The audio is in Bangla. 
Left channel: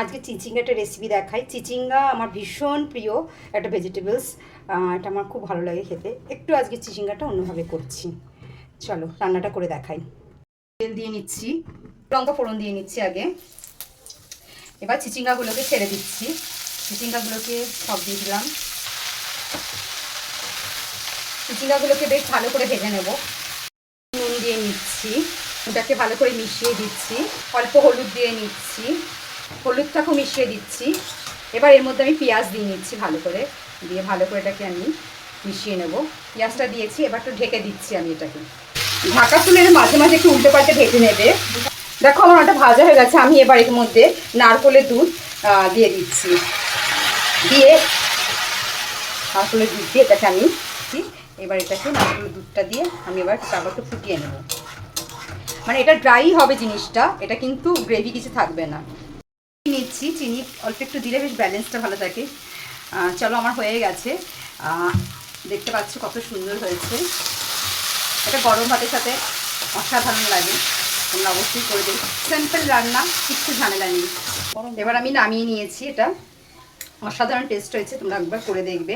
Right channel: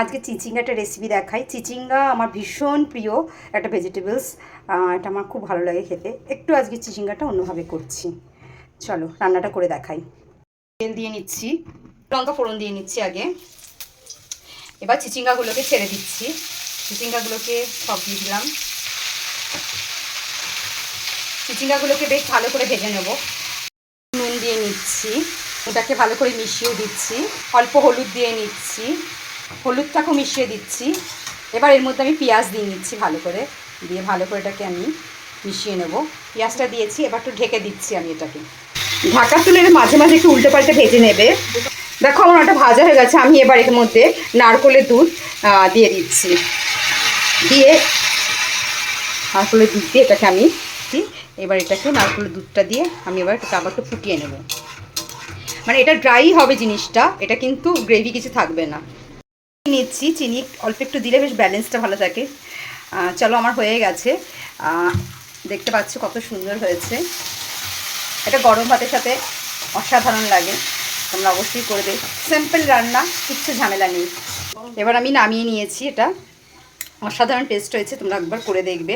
আজকে চিচিঙ্গা একটা রেসিপি দেখাই। চিচিঙ্গা আমার ভীষণ প্রিয় একটা ভেজিটেবলস। এটা আমার খুব ভালো লাগে খেতে। একটু আজকে চিচিঙ্গাটা অন্যভাবে করছি। চলো রান্নাটা করে দেখাই। তেল দিয়ে নিচ্ছি, লঙ্কা ফোড়ন দিয়ে নিচ্ছি আগে। এবার চিচিঙ্গাগুলোকে ছেড়ে দিচ্ছি। চিচিঙ্গাগুলোকে সব দিয়ে দিলাম। চিচিঙ্গাগুলোকে বেশ ভালো করে ভেজে নেব। নুন দিয়ে নিচ্ছি, ওটাকে ভালো করে মিশিয়ে দিচ্ছি। অল্প হলুদ দিয়ে নিচ্ছি, হলুদটাকেও মিশিয়ে দিচ্ছি। এবার এর মধ্যে আমি পেঁয়াজ দিয়ে নিচ্ছি, ভালো করে দিয়ে ভালো করে এটাকে আমি মিশিয়ে নেব। পেঁয়াজটা দিয়েছি, এবার একটু ঢেকে দিচ্ছি আমি এটাকে। ঢাকা তুলে মাঝে মাঝে একটু উল্টো পাল্টে ভেজে নেবে। দেখো আমার একটা ভাজা হয়ে গেছে। আমি এবার এর মধ্যে নারকেলের দুধ দিয়ে দিচ্ছি। দিয়ে নারকেলের দুধ দিয়ে এটাকে আমি এবার এটাকে নারকেলের দুধটা দিয়ে আমি এবার আবার একটু ফুটিয়ে নেব। মানে এটা ড্রাই হবে জিনিসটা, এটা কিন্তু গ্রেভি কিছু থাকবে না। নিচ্ছি, চিনি অল্প একটু দিলে বেশ ব্যালেন্সটা ভালো থাকে। চলো আমার হয়ে গেছে। দেখতে পাচ্ছ কত সুন্দর হয়েছে। এটা গরম ভাতের সাথে অসাধারণ লাগে। তোমরা অবশ্যই করবে। সিম্পল রান্না, কিচ্ছু ঝামেলা নেই। এবার আমি নামিয়ে নিয়েছি। এটা অসাধারণ টেস্ট হয়েছে, তোমরা একবার করে দেখবে।